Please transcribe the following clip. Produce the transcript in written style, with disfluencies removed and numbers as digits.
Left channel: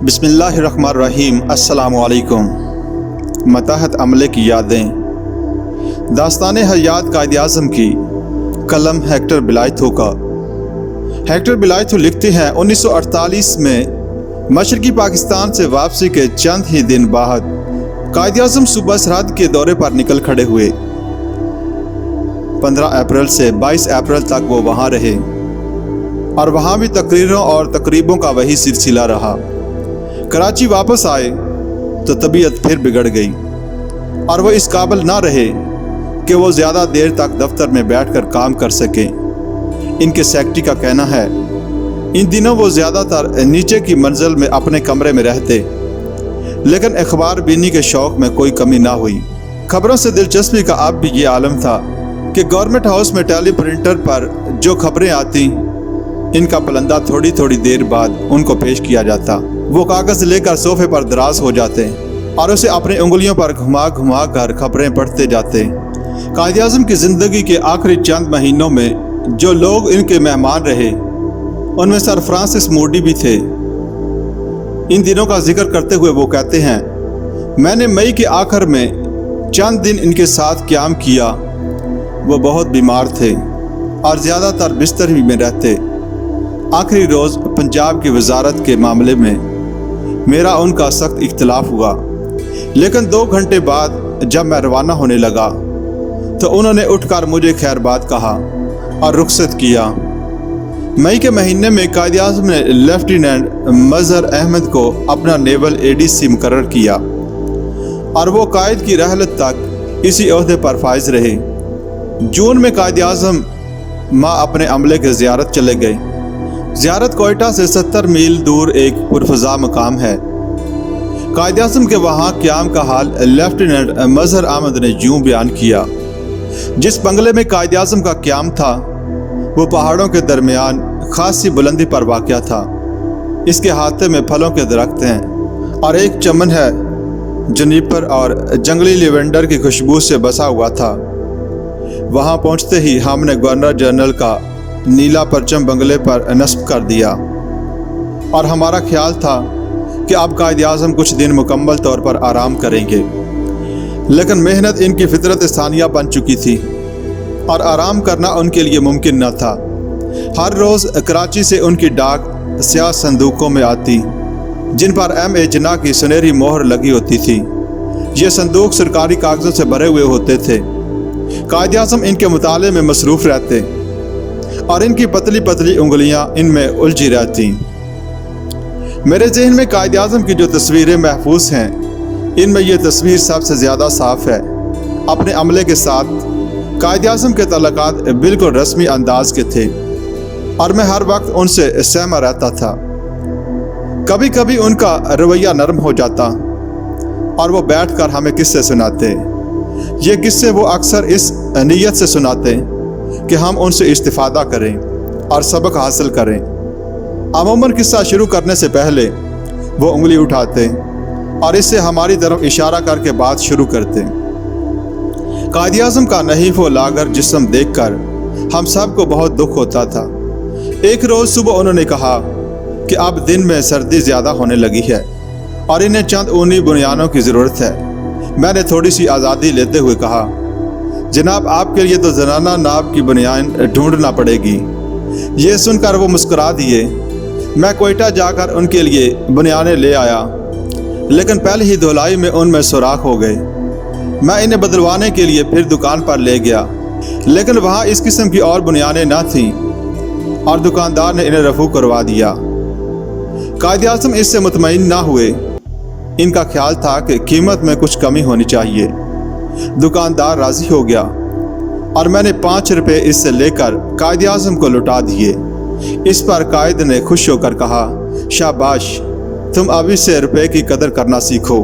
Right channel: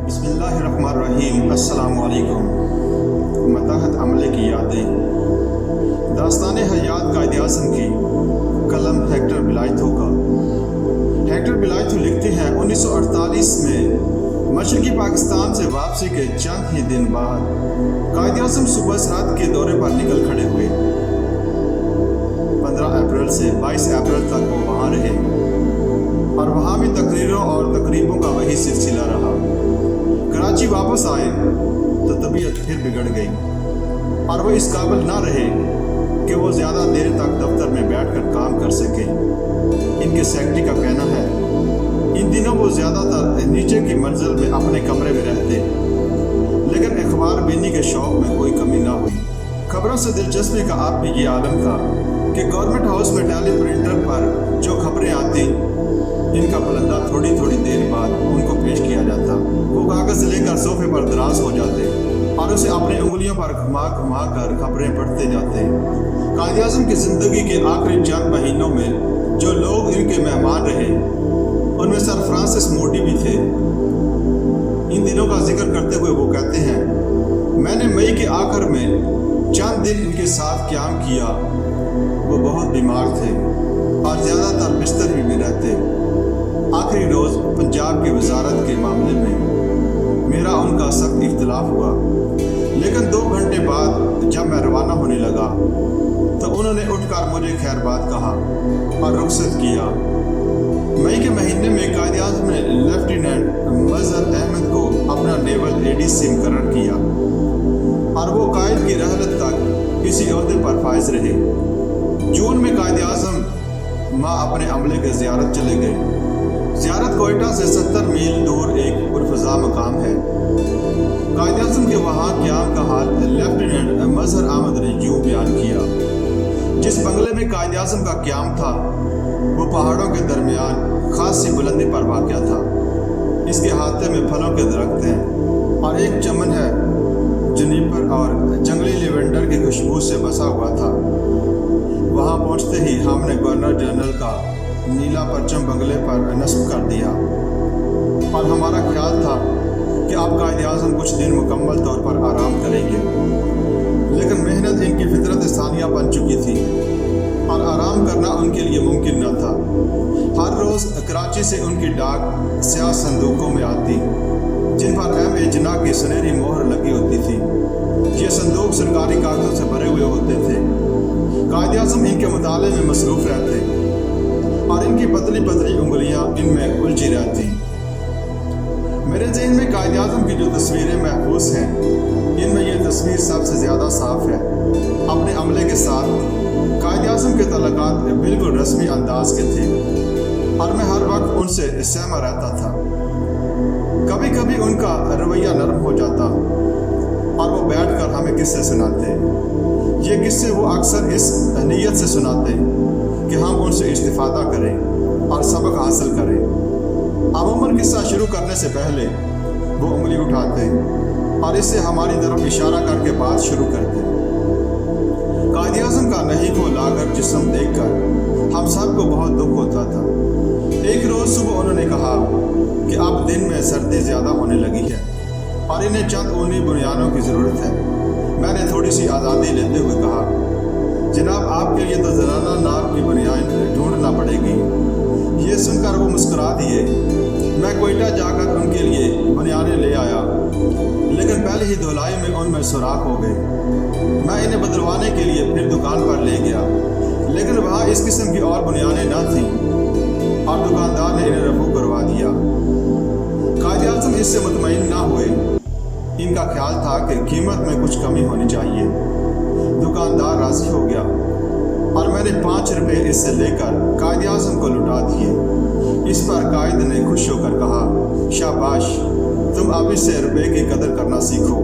बिस्मिल्लाहिर्रहमानिर्रहीम। अस्सलामु अलैकुम। मतहत अमले की यादें। दास्तान हयात कायद-ए-आज़म की कलम हेक्टर बिलायथो का। हेक्टर बिलायथो लिखते हैं 1948 में मशरकी पाकिस्तान से वापसी के चंद ही दिन बाद कायद-ए-आज़म सूबा सरहद के दौरे पर निकल खड़े हुए। 15 अप्रैल से 22 अप्रैल तक वो वहाँ रहे और वहाँ भी तकरीरों और तकरीबों का वही सिलसिला रहा। कराची वापस आए तो तबीयत फिर बिगड़ गई और वो इस काबिल ना रहे कि वो ज़्यादा देर तक दफ्तर में बैठकर काम कर सके। इनके सेक्रेटरी का कहना है इन दिनों वो ज़्यादातर नीचे की मंजिल में अपने कमरे में रहते, लेकिन अखबार बीनी के शौक़ में कोई कमी ना हुई। खबरों से दिलचस्पी का अब भी ये आलम था कि गवर्नमेंट हाउस में टेली प्रिंटर पर जो खबरें आती, इनका पलंदा थोड़ी थोड़ी देर बाद उनको पेश किया जाता। वो कागज़ लेकर सोफे पर दराज हो जाते और उसे अपनी उंगलियों पर घुमा घुमा कर खबरें पढ़ते जाते। कायद-ए-आज़म की ज़िंदगी के आखिरी चंद महीनों में जो लोग इनके मेहमान रहे उनमें सर फ्रांसिस मोडी भी थे। इन दिनों का जिक्र करते हुए वो कहते हैं, मैंने मई के आखिर में चंद दिन इनके साथ क़याम किया। वो बहुत बीमार थे और ज़्यादातर बिस्तर ही में रहते। आखिरी रोज़ पंजाब की वजारत के मामले में मेरा उनका सख्त इख्तिलाफ हुआ, लेकिन 2 घंटे बाद जब मैं रवाना होने लगा तो उन्होंने उठकर मुझे खैरबाद कहा और रुखसत किया। मई के महीने में कायद-ए-आज़म ने लेफ्टिनेंट मज़हर अहमद को अपना नेवल एडीसी मुकर्रर किया और वो कायद की रहलत तक इसी ओहदे पर फाइज रहे। जून में कायद-ए-आज़म माँ अपने अमले के ज़ियारत चले गए। ज़ियारत कोयटा से 70 मील दूर एक पुरफ़ज़ा मकाम है। कायद-ए-आज़म के वहाँ क़याम का हाल लेफ्टिनेंट मज़हर अहमद ने यूँ बयान किया, जिस बंगले में कायद-ए-आज़म का क़याम था वो पहाड़ों के दरमियान खासी बुलंदी पर वाक़या था। इसके हाथे में फलों के दरख्त हैं और एक चमन है जुनिपर और जंगली लेवेंडर की खुशबू से बसा हुआ था। वहाँ पहुँचते ही हमने गवर्नर जनरल का नीला परचम बंगले पर नस्ब कर दिया और हमारा ख्याल था कि अब कायद-ए-आज़म कुछ दिन मुकम्मल तौर पर आराम करेंगे, लेकिन मेहनत इनकी फितरत स्थानिया बन चुकी थी और आराम करना उनके लिए मुमकिन न था। हर रोज़ कराची से उनकी डाक स्याह संदूकों में आती, जिन पर M.A. जिन्ना की सुनहरी मोहर लगी होती थी। ये संदूक सरकारी कागज़ों से भरे हुए होते थे। कायद-ए-आज़म इनके मुताले में मसरूफ़ रहते और इनकी पतली पतली उंगलियां इनमें उलझी रहती। मेरे ज़हन में कायद-ए-आज़म की जो तस्वीरें महफूज हैं, इनमें यह तस्वीर सबसे ज़्यादा साफ़ है। अपने अमले के साथ कायद-ए-आज़म के तल्लुकात बिल्कुल रस्मी अंदाज के थे और मैं हर वक्त उनसे सहमा रहता था। कभी कभी उनका रवैया नरम हो जाता और वो बैठ कर हमें किस्से सुनाते। ये किस्से वो अक्सर इस नीयत से सुनाते कि हम उनसे इस्तिफ़ादा करें और सबक हासिल करें। अमूमन किस्सा शुरू करने से पहले वो उंगली उठाते और इससे हमारी तरफ इशारा करके बात शुरू करते। कायद-ए-आज़म का नहीफ व लागर जिस्म देखकर हम सब को बहुत दुख होता था। एक रोज़ सुबह उन्होंने कहा कि अब दिन में सर्दी ज़्यादा होने लगी है और इन्हें चंद ऊनी बुनियानों की ज़रूरत है। मैंने थोड़ी सी आज़ादी लेते हुए कहा, जनाब आपके लिए तो ज़नाना नाप की बुनियान ढूंढना पड़ेगी। ये सुनकर वो मुस्कुरा दिए। मैं कोयटा जाकर उनके लिए बुनियानें ले आया, लेकिन पहले ही धुलाई में उनमें सुराख हो गए। मैं इन्हें बदलवाने के लिए फिर दुकान पर ले गया, लेकिन वहाँ इस किस्म की और बुनियानें न थीं और दुकानदार ने इन्हें रफू करवा दिया। कायद-ए-आज़म इससे मुतमईन ना हुए। इनका ख्याल था कि कीमत में कुछ कमी होनी चाहिए। दुकानदार राज़ी हो गया और मैंने 5 रुपये इससे लेकर कायद-ए-आज़म को लौटा दिए। इस पर कायद ने खुश होकर कहा, शाबाश, तुम अभी से रुपये की कदर करना सीखो।